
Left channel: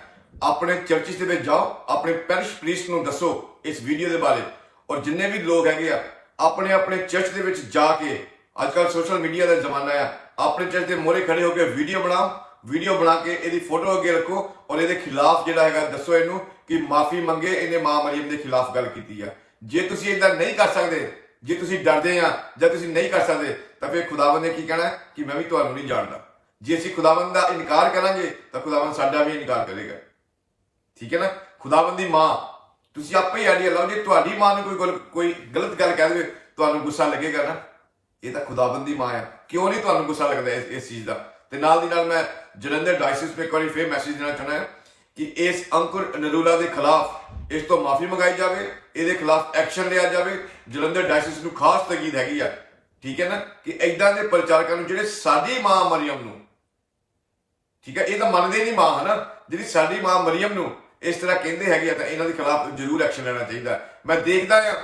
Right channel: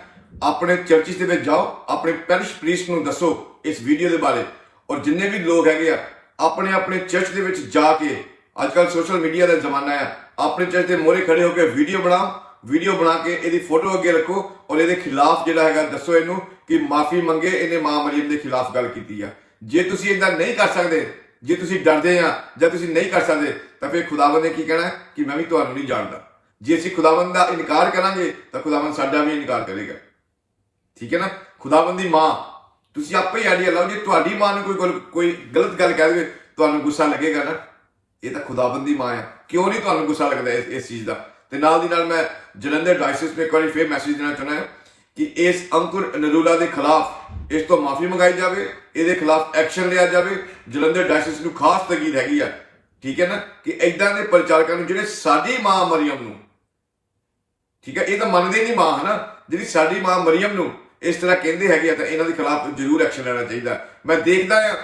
ਆਪਣੇ ਚਰਚਿਸ ਦੇ ਵਿੱਚ ਜਾਓ ਆਪਣੇ ਪੈਰਿਸ਼ ਪ੍ਰੀਸਟ ਨੂੰ ਦੱਸੋ ਇਸ ਵੀਡੀਓ ਦੇ ਬਾਰੇ ਔਰ ਜਿੰਨੇ ਵੀ ਲੋਕ ਹੈਗੇ ਆ ਆਪਣੇ ਆਪਣੇ ਚਰਚ ਦੇ ਵਿੱਚ ਜਾ ਕੇ ਅੱਜ ਕੱਲ ਸੋਸ਼ਲ ਮੀਡੀਆ ਦਾ ਜ਼ਮਾਨਾ ਆ, ਆਪਣੇ ਚਰਚ ਦੇ ਮੋਹਰੇ ਖੜੇ ਹੋ ਕੇ ਵੀਡੀਓ ਬਣਾਓ ਵੀਡੀਓ ਬਣਾ ਕੇ ਇਹਦੀ ਫੋਟੋ ਅੱਗੇ ਰੱਖੋ ਔਰ ਇਹਦੇ ਖਿਲਾਫ ਜਿਹੜਾ ਹੈਗਾ ਦੱਸੋ ਇਹਨੂੰ ਕਿ ਮਾਫੀ ਮੰਗੇ, ਇਹਨੇ ਮਾਂ ਮਰੀਮ ਦੇ ਖਿਲਾਫ ਗੱਲ ਕੀਤੀ ਆ। ਜੇ ਤੁਸੀਂ ਇਦਾਂ ਨਹੀਂ ਕਰ ਸਕਦੇ, ਜੇ ਤੁਸੀਂ ਡਰਦੇ ਆ ਜਾਂ ਤੁਸੀਂ ਨਹੀਂ ਕਰ ਸਕਦੇ, ਤਾਂ ਫਿਰ ਖੁਦਾਵੰਦ ਨੇ ਕੀ ਕਹਿਣਾ ਕਿ ਮੈਂ ਵੀ ਤੁਹਾਨੂੰ ਨਹੀਂ ਜਾਣਦਾ। ਜੇ ਅਸੀਂ ਖੁਦਾਵੰਦ ਦਾ ਇਨਕਾਰ ਕਰਾਂਗੇ, ਤਾਂ ਖੁਦਾਵੰਦ ਸਾਡਾ ਵੀ ਇਨਕਾਰ ਕਰੇਗਾ। ਠੀਕ ਹੈ ਨਾ? ਖੁਦਾਵੰਦ ਦੀ ਮਾਂ ਤੁਸੀਂ ਆਪੇ ਹੀ ਆਈਡੀਆ ਲਾਓ, ਜੇ ਤੁਹਾਡੀ ਮਾਂ ਨੂੰ ਕੋਈ ਗੱਲ ਕੋਈ ਗਲਤ ਗੱਲ ਕਹਿ ਦੇਵੇ, ਤੁਹਾਨੂੰ ਗੁੱਸਾ ਲੱਗੇਗਾ ਨਾ। ਇਹ ਤਾਂ ਖੁਦਾਵੰਦ ਦੀ ਮਾਂ ਆ। ਕਿਉਂ ਨਹੀਂ ਤੁਹਾਨੂੰ ਗੁੱਸਾ ਲੱਗਦਾ ਇਸ ਇਸ ਚੀਜ਼ ਦਾ? ਤੇ ਨਾਲ ਦੀ ਨਾਲ ਮੈਂ ਜਲੰਧਰ ਡਾਇਸਿਸ ਵਿੱਚ ਇੱਕ ਵਾਰੀ ਫੇਰ ਮੈਸੇਜ ਦੇਣਾ ਚਾਹੁੰਦਾ ਹਾਂ ਕਿ ਇਸ ਅੰਕੁਰ ਨਰੂਲਾ ਦੇ ਖਿਲਾਫ ਇਸ ਤੋਂ ਮਾਫੀ ਮੰਗਾਈ ਜਾਵੇ, ਇਹਦੇ ਖਿਲਾਫ ਐਕਸ਼ਨ ਲਿਆ ਜਾਵੇ। ਜਲੰਧਰ ਡਾਇਸਿਸ ਨੂੰ ਖਾਸ ਤਕੀਦ ਹੈਗੀ ਆ, ਠੀਕ ਹੈ ਨਾ? ਕਿ ਐਦਾਂ ਦੇ ਪ੍ਰਚਾਰਕਾਂ ਨੂੰ ਜਿਹੜੇ ਸਾਡੀ ਮਾਂ ਮਰੀਮ ਨੂੰ, ਠੀਕ ਹੈ? ਇਹ ਤਾਂ ਮੰਨਦੇ ਨਹੀਂ ਮਾਂ, ਹਨਾ? ਜਿਹੜੀ ਸਾਡੀ ਮਾਂ ਮਰੀਮ ਨੂੰ ਇਸ ਤਰ੍ਹਾਂ ਕਹਿੰਦੇ ਹੈਗੇ ਆ ਤਾਂ ਇਹਨਾਂ ਦੇ ਖਿਲਾਫ ਜ਼ਰੂਰ ਐਕਸ਼ਨ ਲੈਣਾ ਚਾਹੀਦਾ। ਮੈਂ ਦੇਖਦਾ ਆ।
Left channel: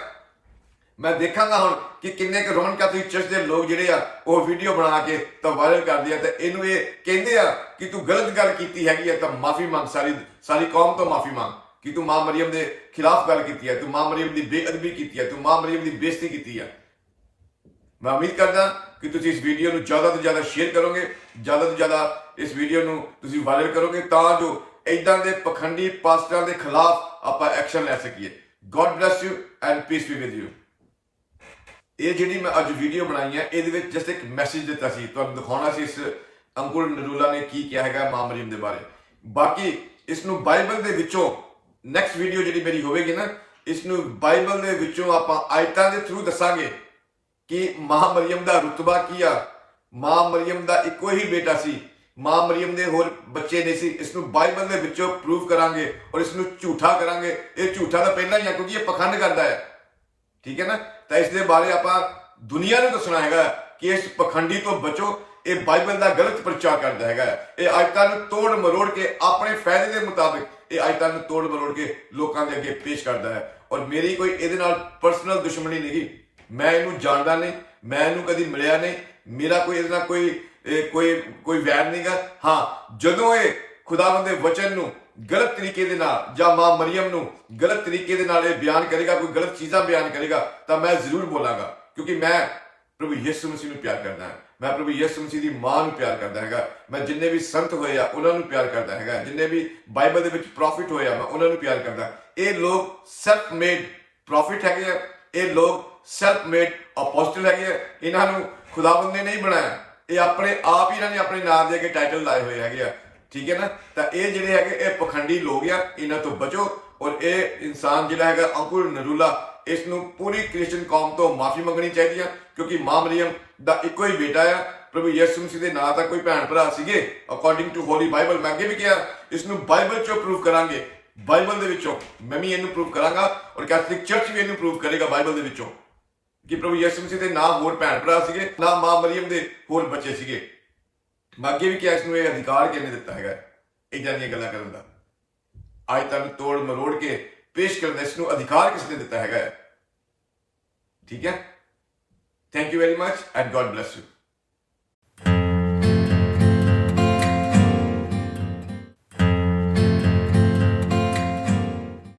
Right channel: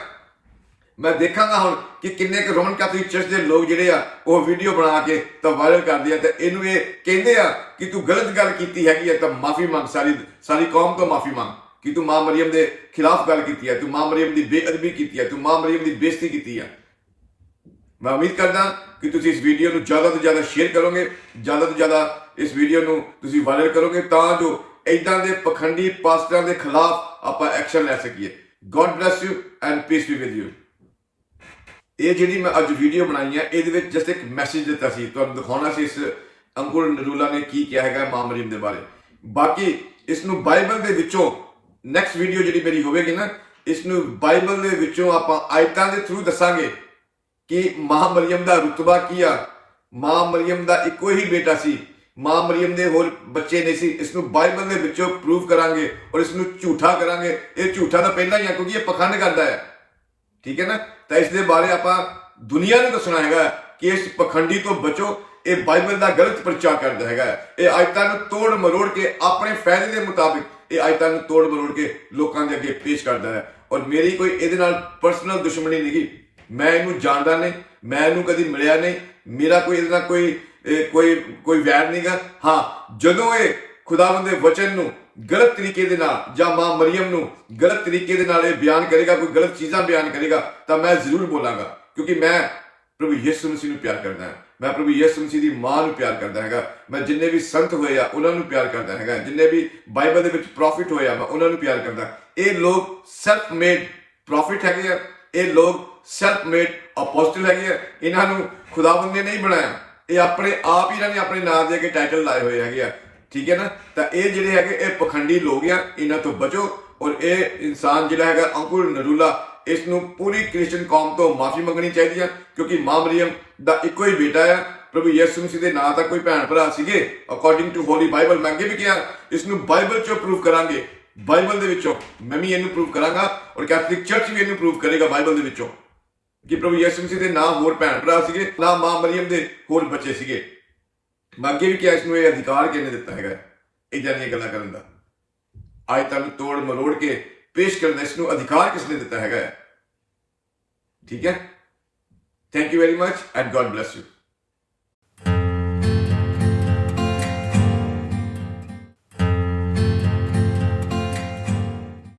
ਮੈਂ ਦੇਖਾਂਗਾ ਹੁਣ ਕਿ ਕਿੰਨੇ ਕੁ ਰੋਮਨ ਕੈਥੋਲਿਕ ਚਰਚ ਦੇ ਲੋਕ ਜਿਹੜੇ ਆ, ਉਹ ਵੀਡੀਓ ਬਣਾ ਕੇ ਤਾਂ ਵਾਇਰਲ ਕਰਦੇ ਆ ਤੇ ਇਹਨੂੰ ਇਹ ਕਹਿੰਦੇ ਆ ਕਿ ਤੂੰ ਗਲਤ ਗੱਲ ਕੀਤੀ ਹੈਗੀ ਆ ਤਾਂ ਮਾਫੀ ਮੰਗ, ਸਾਰੀ ਸਾਰੀ ਕੌਮ ਤੋਂ ਮਾਫੀ ਮੰਗ ਕਿ ਤੂੰ ਮਾਂ ਮਰੀਮ ਦੇ ਖਿਲਾਫ ਗੱਲ ਕੀਤੀ ਹੈ ਤੂੰ ਮਾਂ ਮਰੀਮ ਦੀ ਬੇਅਦਬੀ ਕੀਤੀ ਹੈ ਤੂੰ ਮਾਂ ਮਰੀਮ ਦੀ ਬੇਇੱਜ਼ਤੀ ਕੀਤੀ ਹੈ ਮੈਂ ਉਮੀਦ ਕਰਦਾ ਕਿ ਤੁਸੀਂ ਇਸ ਵੀਡੀਓ ਨੂੰ ਜ਼ਿਆਦਾ ਤੋਂ ਜ਼ਿਆਦਾ ਸ਼ੇਅਰ ਕਰੋਗੇ, ਜ਼ਿਆਦਾ ਤੋਂ ਜ਼ਿਆਦਾ ਇਸ ਵੀਡੀਓ ਨੂੰ ਤੁਸੀਂ ਵਾਇਰਲ ਕਰੋਗੇ ਤਾਂ ਜੋ ਇਦਾਂ ਦੇ ਪਖੰਡੀ ਪਾਸਟਰਾਂ ਦੇ ਖਿਲਾਫ ਆਪਾਂ ਐਕਸ਼ਨ ਲੈ ਸਕੀਏ। God bless you and peace be with you ਇਹ ਜਿਹੜੀ ਮੈਂ ਅੱਜ ਵੀਡੀਓ ਬਣਾਈ ਹੈ ਇਹਦੇ ਵਿੱਚ ਜਸਟ ਇੱਕ ਮੈਸੇਜ ਦਿੱਤਾ ਸੀ। ਤੁਹਾਨੂੰ ਦਿਖਾਉਣਾ ਸੀ ਇਸ ਅੰਕੁਰ ਨਰੂਲਾ ਨੇ ਕੀ ਕਿਹਾ ਹੈਗਾ ਮਾਂ ਮਰੀਮ ਦੇ ਬਾਰੇ। ਬਾਕੀ ਇਸ ਨੂੰ ਬਾਈਬਲ ਦੇ ਵਿੱਚੋਂ ਨੈਕਸਟ ਵੀਡੀਓ ਜਿਹੜੀ ਮੇਰੀ ਹੋਵੇਗੀ ਨਾ, ਇਸ ਨੂੰ ਬਾਈਬਲ ਦੇ ਵਿੱਚੋਂ ਆਪਾਂ ਆਇਤਾਂ ਦੇ ਥਰੂ ਦੱਸਾਂਗੇ ਕਿ ਮਾਂ ਮਰੀਮ ਦਾ ਰੁਤਬਾ ਕੀ ਆ। ਮਾਂ ਮਰੀਮ ਦਾ ਇੱਕੋ ਹੀ ਬੇਟਾ ਸੀ। ਮਾਂ ਮਰੀਮ ਦੇ ਹੋਰ ਬੱਚੇ ਨਹੀਂ ਸੀ, ਇਸ ਨੂੰ ਬਾਈਬਲ ਦੇ ਵਿੱਚੋਂ ਪ੍ਰੂਵ ਕਰਾਂਗੇ ਔਰ ਇਸ ਨੂੰ ਝੂਠਾ ਕਰਾਂਗੇ। ਇਹ ਝੂਠਾ ਤਾਂ ਪਹਿਲਾਂ ਹੀ ਆ, ਕਿਉਂਕਿ ਇਹ ਪਖੰਡ ਕਰਦਾ ਹੈ। ਠੀਕ ਹੈ ਨਾ? ਤਾਂ ਇਸ ਦੇ ਬਾਰੇ ਆਪਾਂ ਦੁਨੀਆ ਨੂੰ ਦੱਸਣਾ ਹੈਗਾ ਕਿ ਇਸ ਪਖੰਡੀ ਤੋਂ ਬਚੋ, ਇਹ ਬਾਈਬਲ ਦਾ ਗਲਤ ਪ੍ਰਚਾਰ ਕਰਦਾ ਹੈਗਾ। ਇਹ ਆਇਤਾਂ ਨੂੰ ਤੋੜ ਮਰੋੜ ਕੇ ਆਪਣੇ ਫਾਇਦੇ ਦੇ ਮੁਤਾਬਿਕ ਇਹ ਆਇਤਾਂ ਨੂੰ ਤੋੜ ਮਰੋੜ ਕੇ ਲੋਕਾਂ ਦੇ ਅੱਗੇ ਪੇਸ਼ ਕਰਦਾ ਹੈ। ਔਰ ਮੇਰੀ ਕੋਈ ਇਹਦੇ ਨਾਲ ਪਰਸਨਲ ਦੁਸ਼ਮਣੀ ਨਹੀਂ ਮੈਂ ਇਹਨੂੰ ਜਾਣਦਾ ਨਹੀਂ, ਮੈਂ ਇਹਨੂੰ ਕਦੀ ਮਿਲਿਆ ਨਹੀਂ। ਮੇਰਾ ਕੋਈ ਇਹਦੇ ਨਾਲ ਕੋਈ ਇਹ ਕੋਈ ਕੋਈ ਵੈਰ ਨਹੀਂਗਾ ਹਾਂ, ਜਦੋਂ ਇਹ ਖੁਦਾਵੰਦ ਦੇ ਵਚਨ ਨੂੰ ਗਲਤ ਤਰੀਕੇ ਦੇ ਨਾਲ ਜਾਂ ਮਾਂ ਮਰੀਮ ਨੂੰ ਗਲਤ ਤਰੀਕੇ ਦੇ ਨਾਲ ਇਹ ਬਿਆਨ ਕਰੇਗਾ, ਕੋਈ ਗਲਤ ਚੀਜ਼ਾਂ ਬਿਆਨ ਕਰੇਗਾ, ਤਾਂ ਮੈਂ ਜ਼ਰੂਰ ਬੋਲਾਂਗਾ। ਕਿਉਂਕਿ ਮੈਂ ਪ੍ਰਭੂ ਯਿਸੂ ਮਸੀਹ ਨੂੰ ਪਿਆਰ ਕਰਦਾ ਹਾਂ। ਮੈਂ ਪ੍ਰਭੂ ਯਿਸੂ ਮਸੀਹ ਦੀ ਮਾਂ ਨੂੰ ਪਿਆਰ ਕਰਦਾ ਹੈਗਾ। ਮੈਂ ਜਿੰਨੇ ਵੀ ਸੰਤ ਹੋਏ ਆ, ਉਹਨਾਂ ਨੂੰ ਪਿਆਰ ਕਰਦਾ ਹੈਗਾ। ਜਿੰਨੇ ਵੀ ਬਾਈਬਲ ਦੇ ਵਿੱਚ ਪ੍ਰੋਫਿਟ ਹੋਏ ਆ, ਮੈਂ ਉਹਨਾਂ ਨੂੰ ਪਿਆਰ ਕਰਦਾ। ਇਹ ਲੋਕ ਸੈਲਫ ਮੇਡ ਪ੍ਰੋਫਿਟ ਹੈਗੇ ਆ। ਇਹ ਲੋਕ ਸੈਲਫ ਮੇਡ ਅਪੋਸਟਲ ਹੈਗੇ ਆ। ਇਹਨਾਂ ਨੂੰ ਖੁਦਾਵੰਦ ਨੇ ਨਹੀਂ ਬਣਾਇਆ। ਇਹ ਆਪਣੇ ਆਪ ਹੀ ਇਹਨਾਂ ਨੇ ਆਪਣੇ ਨਾਮ ਦੇ ਅੱਗੇ ਟਾਈਟਲ ਲਾਏ ਹੋਏ ਹੈਗੇ ਆ। ਠੀਕ ਹੈ ਨਾ? ਤਾਂ ਇਹ ਜਿਹੜੇ ਹੈਗੇ, ਇਹ ਪਖੰਡੀ ਲੋਕ ਆ ਇਹਨਾਂ ਤੋਂ ਬਚੋ ਔਰ ਇਹ ਇਨਸਾਨ ਜਿਹੜਾ ਹੈਗਾ, ਅੰਕੁਰ ਨਰੂਲਾ ਇਸ ਨੂੰ ਪੂਰੀ ਕ੍ਰਿਸਚੀਅਨ ਕੌਮ ਤੋਂ ਮਾਫੀ ਮੰਗਣੀ ਚਾਹੀਦੀ ਆ, ਕਿਉਂਕਿ ਮਾਂ ਮਰੀਮ ਦਾ ਇੱਕੋ ਹੀ ਬੇਟਾ ਆ। ਪ੍ਰਭੂ ਯਿਸੂ ਮਸੀਹ ਦੇ ਨਾਂ ਦਾ ਕੋਈ ਭੈਣ ਭਰਾ ਸੀਗੇ। ਅਕੋਰਡਿੰਗ ਟੂ ਹੋਲੀ ਬਾਈਬਲ ਮੈਂ ਅੱਗੇ ਵੀ ਕਿਹਾ ਇਸ ਨੂੰ ਬਾਈਬਲ ਚੋਂ ਪ੍ਰੂਵ ਕਰਾਂਗੇ। ਬਾਈਬਲ ਦੇ ਵਿੱਚੋਂ ਮੈਂ ਵੀ ਇਹਨੂੰ ਪ੍ਰੂਵ ਕਰਾਂਗਾ ਔਰ ਕੈਥੋਲਿਕ ਚਰਚ ਵੀ ਇਹਨੂੰ ਪ੍ਰੂਵ ਕਰੇਗਾ ਬਾਈਬਲ ਦੇ ਵਿੱਚੋਂ। ਕਿ ਪ੍ਰਭੂ ਯਿਸੂ ਮਸੀਹ ਦੇ ਨਾ ਹੋਰ ਭੈਣ ਭਰਾ ਸੀਗੇ, ਨਾ ਮਾਂ ਮਰੀਮ ਦੇ ਹੋਰ ਬੱਚੇ ਸੀਗੇ। ਮੈਂ ਅੱਗੇ ਵੀ ਕਿਹਾ ਇਸ ਨੂੰ ਇਹ ਅਧਿਕਾਰ ਕਿਹਨੇ ਦਿੱਤਾ ਹੈਗਾ ਇਦਾਂ ਦੀਆਂ ਗੱਲਾਂ ਕਰਨ ਦਾ। ਅੱਜ ਤੁਹਾਨੂੰ ਤੋੜ ਮਰੋੜ ਕੇ ਪੇਸ਼ ਕਰਨ ਦਾ ਇਸ ਨੂੰ ਅਧਿਕਾਰ ਕਿਸ ਨੇ ਦਿੱਤਾ ਹੈਗਾ ਹੈ? ਠੀਕ ਹੈ? Thank you very much and God bless you